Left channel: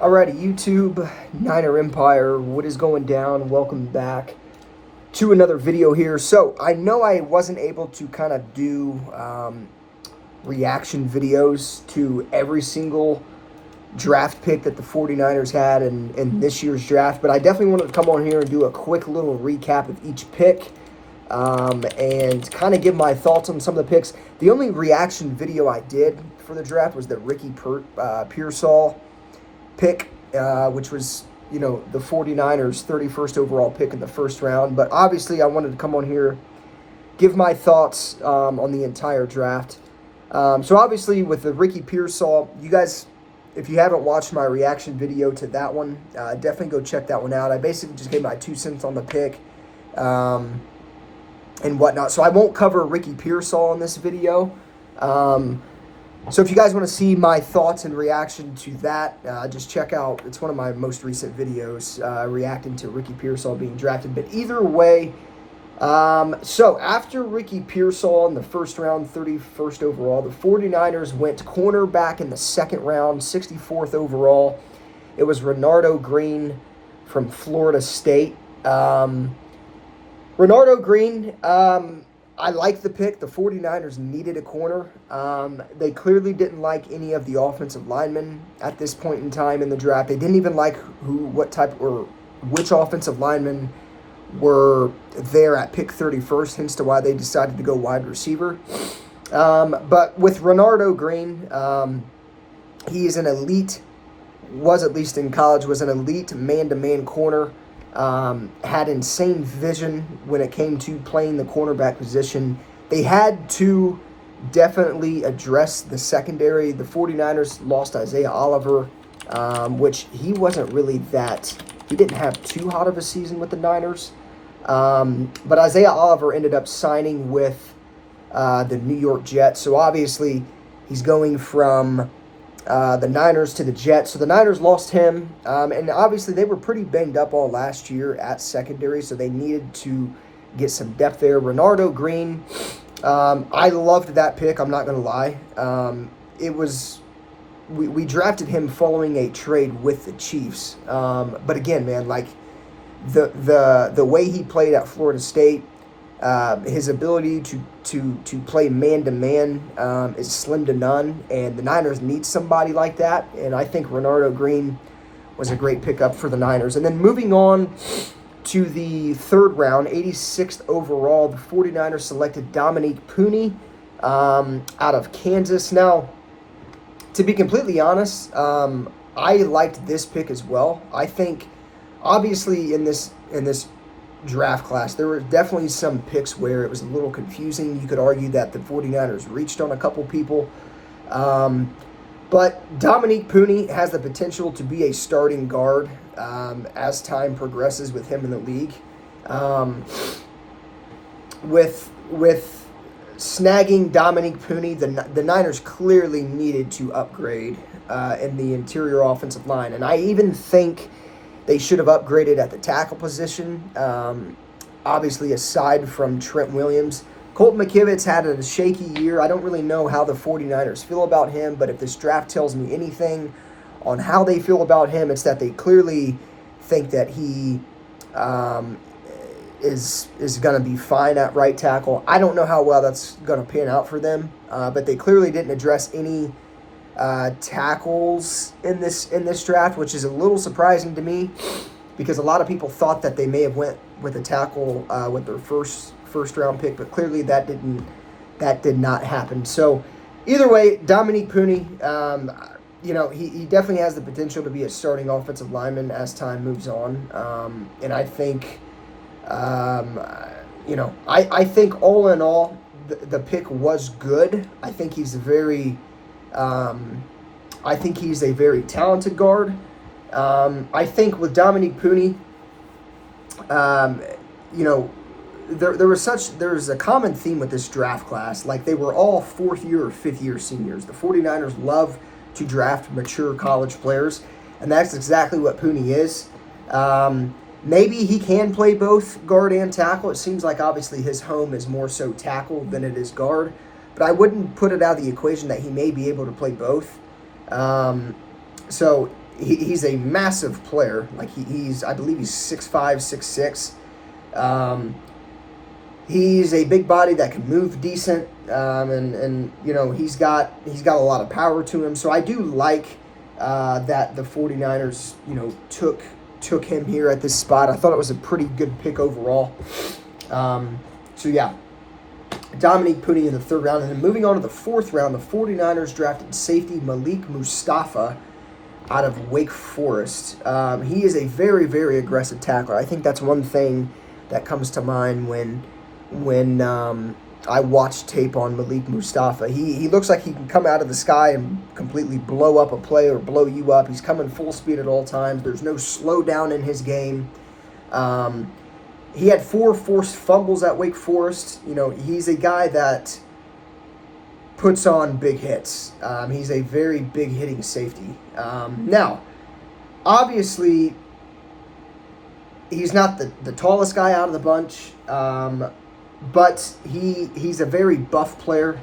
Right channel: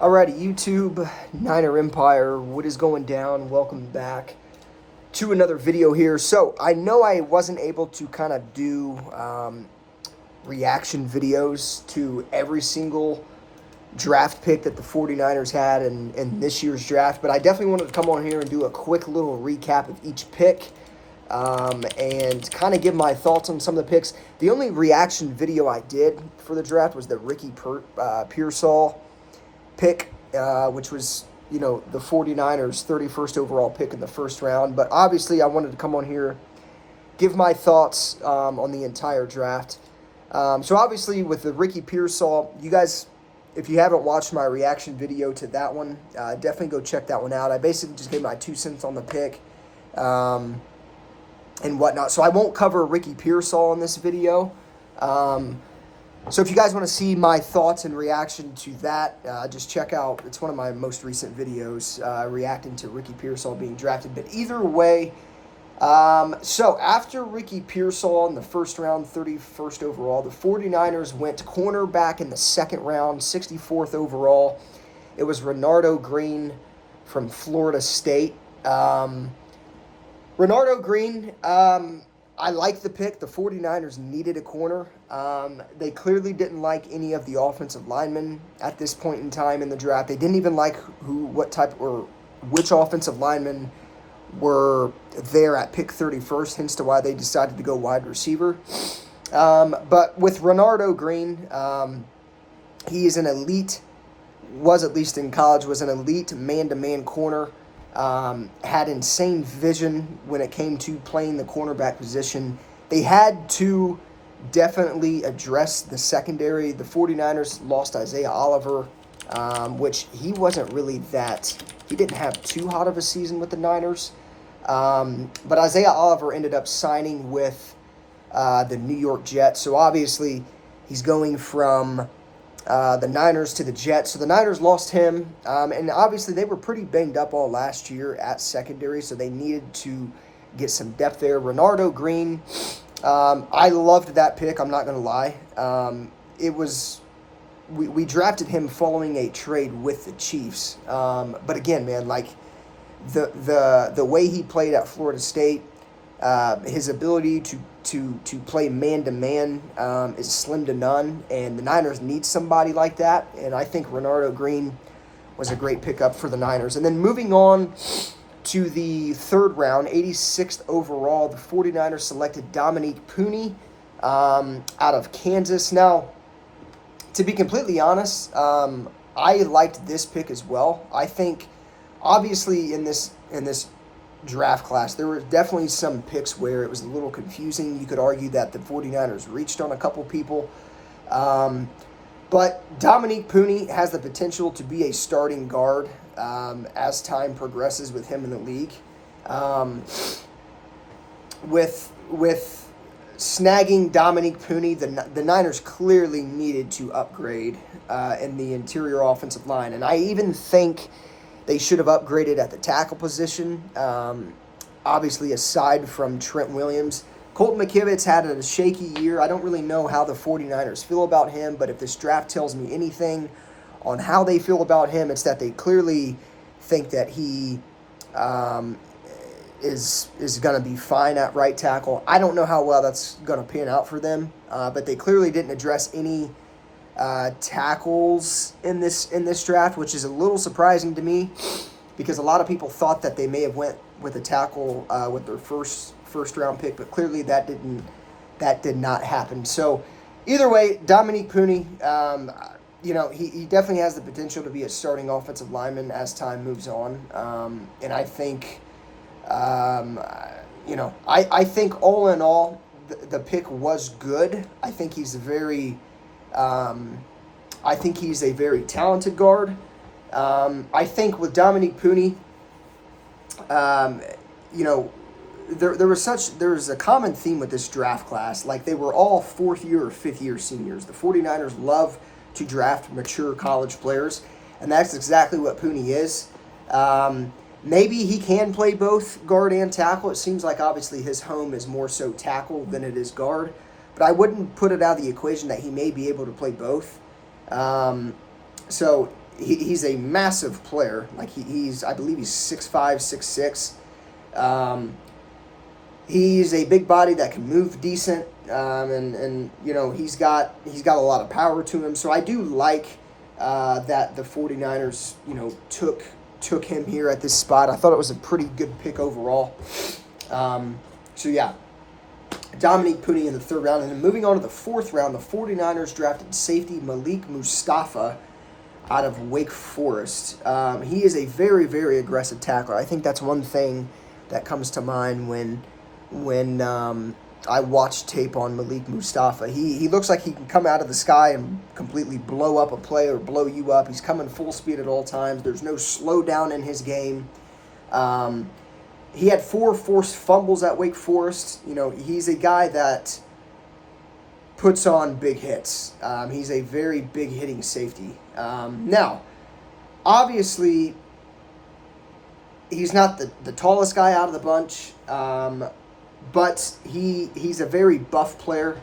Alrighty, YouTube, Niner Empire, what is going down? Welcome back to another video here. So, I know I wasn't able to kind of do reaction videos to every single draft pick that the 49ers had in this year's draft, but I definitely wanted to come on here and do a quick little recap of each pick and kind of give my thoughts on some of the picks. The only reaction video I did for the draft was the Ricky Pearsall pick, which was, the 49ers' 31st overall pick in the first round. But obviously, I wanted to come on here, give my thoughts on the entire draft. So obviously, with the Ricky Pearsall, you guys, if you haven't watched my reaction video to that one, definitely go check that one out. I basically just gave my 2 cents on the pick and whatnot. So I won't cover Ricky Pearsall in this video. So if you guys want to see my thoughts and reaction to that, just check out, it's one of my most recent videos, reacting to Ricky Pearsall being drafted. But either way, so after Ricky Pearsall in the first round, 31st overall, the 49ers went cornerback in the second round, 64th overall. It was Renardo Green from Florida State. Renardo Green, I like the pick. The 49ers needed a corner. They clearly didn't like any of the offensive linemen at this point in time in the draft. They didn't even like which offensive linemen were there at pick 31st, hence to why they decided to go wide receiver. But with Renardo Green, he is an elite, was at least in college, was an elite man-to-man corner. Had insane vision when it came to playing the cornerback position. They had to definitely address the secondary. The 49ers lost Isaiah Oliver, which he wasn't really he didn't have too hot of a season with the Niners. But Isaiah Oliver ended up signing with the New York Jets. So obviously he's going from the Niners to the Jets. So the Niners lost him, and obviously they were pretty banged up all last year at secondary, so they needed to get some depth there. Renardo Green, I loved that pick, I'm not going to lie. We drafted him following a trade with the Chiefs, but again, man, like the way he played at Florida State, his ability to play man-to-man is slim to none, and the Niners need somebody like that, and I think Renardo Green was a great pickup for the Niners. And then moving on to the third round, 86th overall, the 49ers selected Dominique Pooney out of Kansas. Now, to be completely honest, I liked this pick as well. I think, obviously, in this draft class, there were definitely some picks where it was a little confusing. You could argue that the 49ers reached on a couple people. But Dominique Pooney has the potential to be a starting guard as time progresses with him in the league. With snagging Dominique Pooney, the Niners clearly needed to upgrade in the interior offensive line. And I even think they should have upgraded at the tackle position, obviously aside from Trent Williams. Colton McKivitz had a shaky year. I don't really know how the 49ers feel about him, but if this draft tells me anything on how they feel about him, it's that they clearly think that he is going to be fine at right tackle. I don't know how well that's going to pan out for them, but they clearly didn't address any tackles in this draft, which is a little surprising to me because a lot of people thought that they may have went with a tackle with their first round pick, but clearly that did not happen. So either way, Dominique Pooney, he definitely has the potential to be a starting offensive lineman as time moves on, and I think I think all in all the pick was good. I think he's a very talented guard. I think with Dominique Pooney, there was a common theme with this draft class. Like, they were all fourth year or fifth year seniors. The 49ers love to draft mature college players, and that's exactly what Pooney is. Maybe he can play both guard and tackle. It seems like obviously his home is more so tackle than it is guard, but I wouldn't put it out of the equation that he may be able to play both. So he's a massive player. Like I believe he's 6'5", 6'6". He's a big body that can move decent, and he's got a lot of power to him. So I do like that the 49ers took him here at this spot. I thought it was a pretty good pick overall. So yeah, Dominique Puni in the third round. And then moving on to the fourth round, the 49ers drafted safety Malik Mustafa out of Wake Forest. He is a very, very aggressive tackler. I think that's one thing that comes to mind when I watch tape on Malik Mustafa. He looks like he can come out of the sky and completely blow up a play or blow you up. He's coming full speed at all times. There's no slowdown in his game. He had 4 forced fumbles at Wake Forest. He's a guy that puts on big hits. He's a very big hitting safety. Now, obviously, he's not the tallest guy out of the bunch, but he's a very buff player.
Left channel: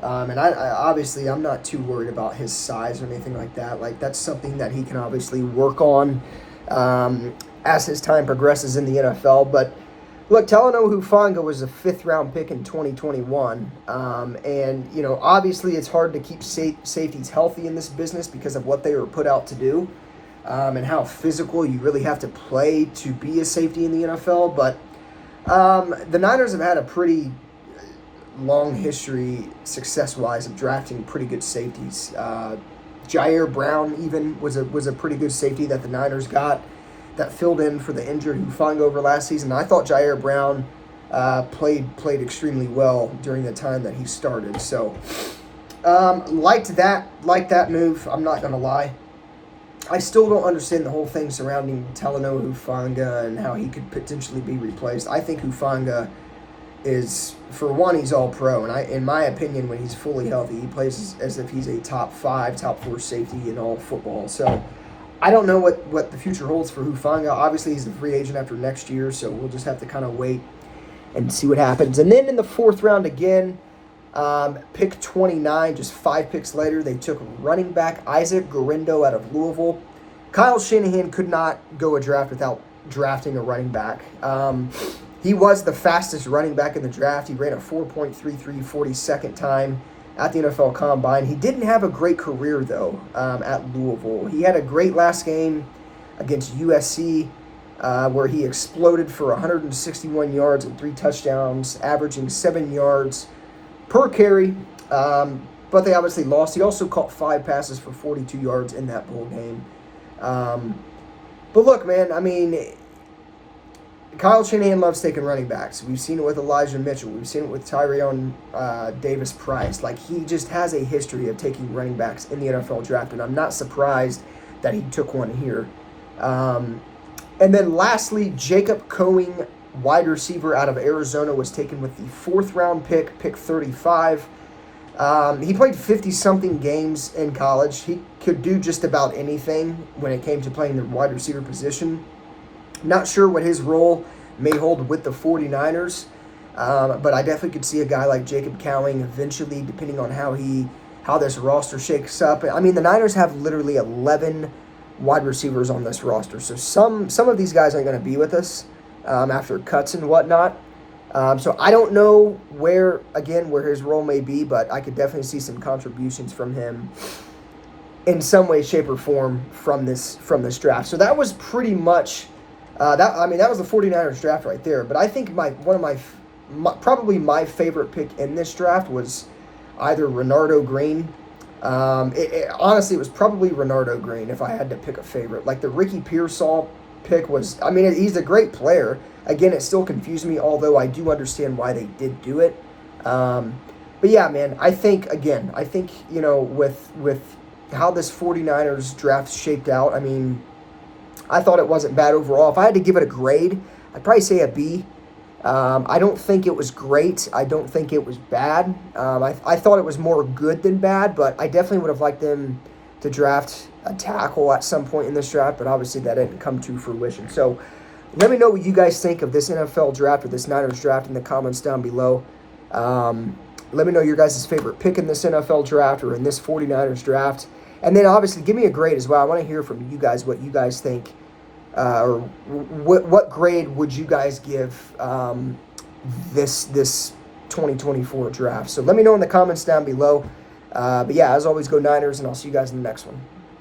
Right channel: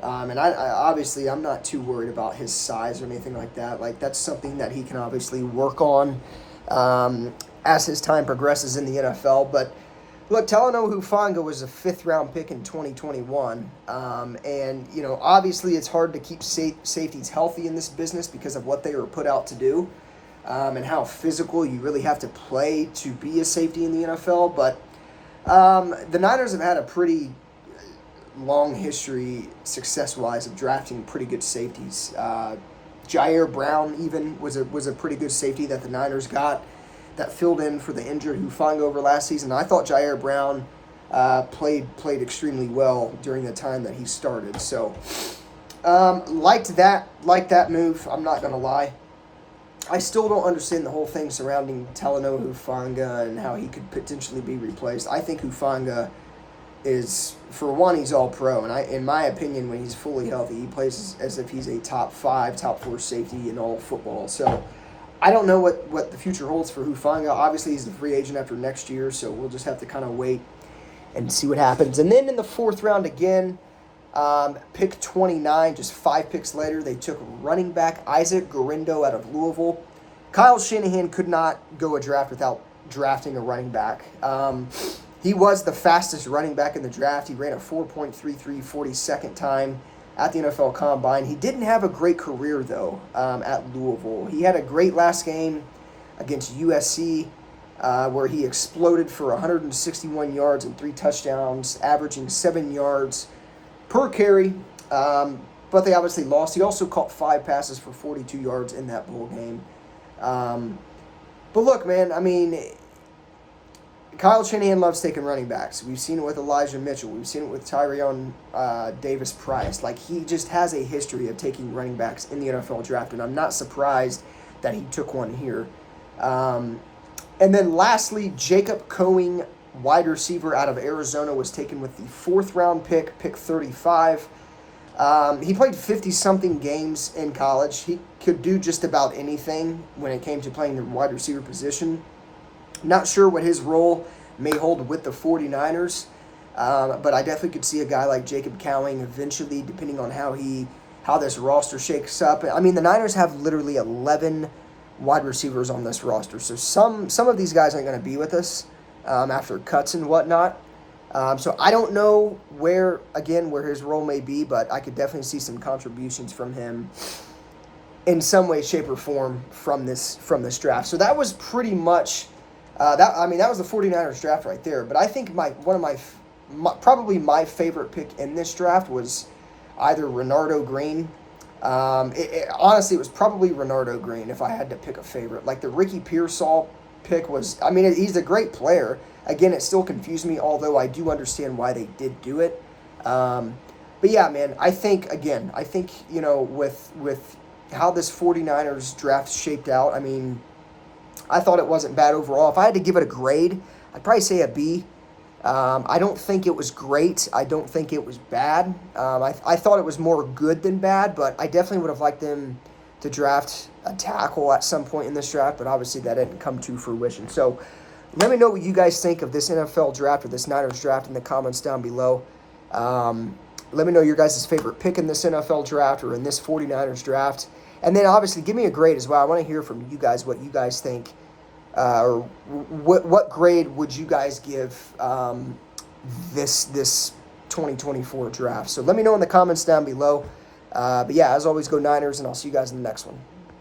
And I obviously, I'm not too worried about his size or anything like that. Like, that's something that he can obviously work on as his time progresses in the NFL. But look, Talanoa Hufanga was a 5th-round pick in 2021. And, obviously it's hard to keep safeties healthy in this business because of what they were put out to do and how physical you really have to play to be a safety in the NFL. But the Niners have had a pretty long history, success-wise, of drafting pretty good safeties. Jair Brown even was a pretty good safety that the Niners got that filled in for the injured Hufanga over last season. I thought Jair Brown played extremely well during the time that he started. So liked that move. I'm not gonna lie. I still don't understand the whole thing surrounding Talanoa Hufanga and how he could potentially be replaced. I think Hufanga is, for one, he's all pro, and in my opinion, when he's fully healthy, he plays as if he's a top 5, top 4 safety in all football. So I don't know what the future holds for Hufanga. Obviously, he's a free agent after next year, so we'll just have to kind of wait and see what happens. And then in the 4th round again, pick 29, just 5 picks later, they took running back Isaac Guerendo out of Louisville. Kyle Shanahan could not go a draft without drafting a running back. He was the fastest running back in the draft. He ran a 4.33 42nd time at the NFL Combine. He didn't have a great career, though, at Louisville. He had a great last game against USC where he exploded for 161 yards and 3 touchdowns, averaging 7 yards per carry, but they obviously lost. He also caught 5 passes for 42 yards in that bowl game. But look, man, I mean, Kyle Shanahan loves taking running backs. We've seen it with Elijah Mitchell. We've seen it with Tyrion Davis-Price. Like, he just has a history of taking running backs in the NFL draft, and I'm not surprised that he took one here. And then lastly, Jacob Coing, wide receiver out of Arizona, was taken with the 4th-round pick 35. He played 50-something games in college. He could do just about anything when it came to playing the wide receiver position. Not sure what his role may hold with the 49ers, but I definitely could see a guy like Jacob Cowing eventually, depending on how this roster shakes up. I mean, the Niners have literally 11 wide receivers on this roster, so some of these guys aren't going to be with us after cuts and whatnot. So I don't know where his role may be, but I could definitely see some contributions from him in some way, shape, or form from this draft. So that was pretty much that was the 49ers draft right there. But I think probably my favorite pick in this draft was either Renardo Green. Honestly, it was probably Renardo Green if I had to pick a favorite. Like, the Ricky Pearsall pick was, I mean, he's a great player. Again, it still confused me, although I do understand why they did do it. But yeah, man, I think, with how this 49ers draft shaped out, I mean, I thought it wasn't bad overall. If I had to give it a grade, I'd probably say a B. I don't think it was great. I don't think it was bad. I thought it was more good than bad, but I definitely would have liked them to draft a tackle at some point in this draft, but obviously that didn't come to fruition. So let me know what you guys think of this NFL draft or this Niners draft in the comments down below. Let me know your guys' favorite pick in this NFL draft or in this 49ers draft. And then obviously give me a grade as well. I want to hear from you guys what you guys think, or what grade would you guys give this 2024 draft. So let me know in the comments down below. But yeah, as always, go Niners, and I'll see you guys in the next one.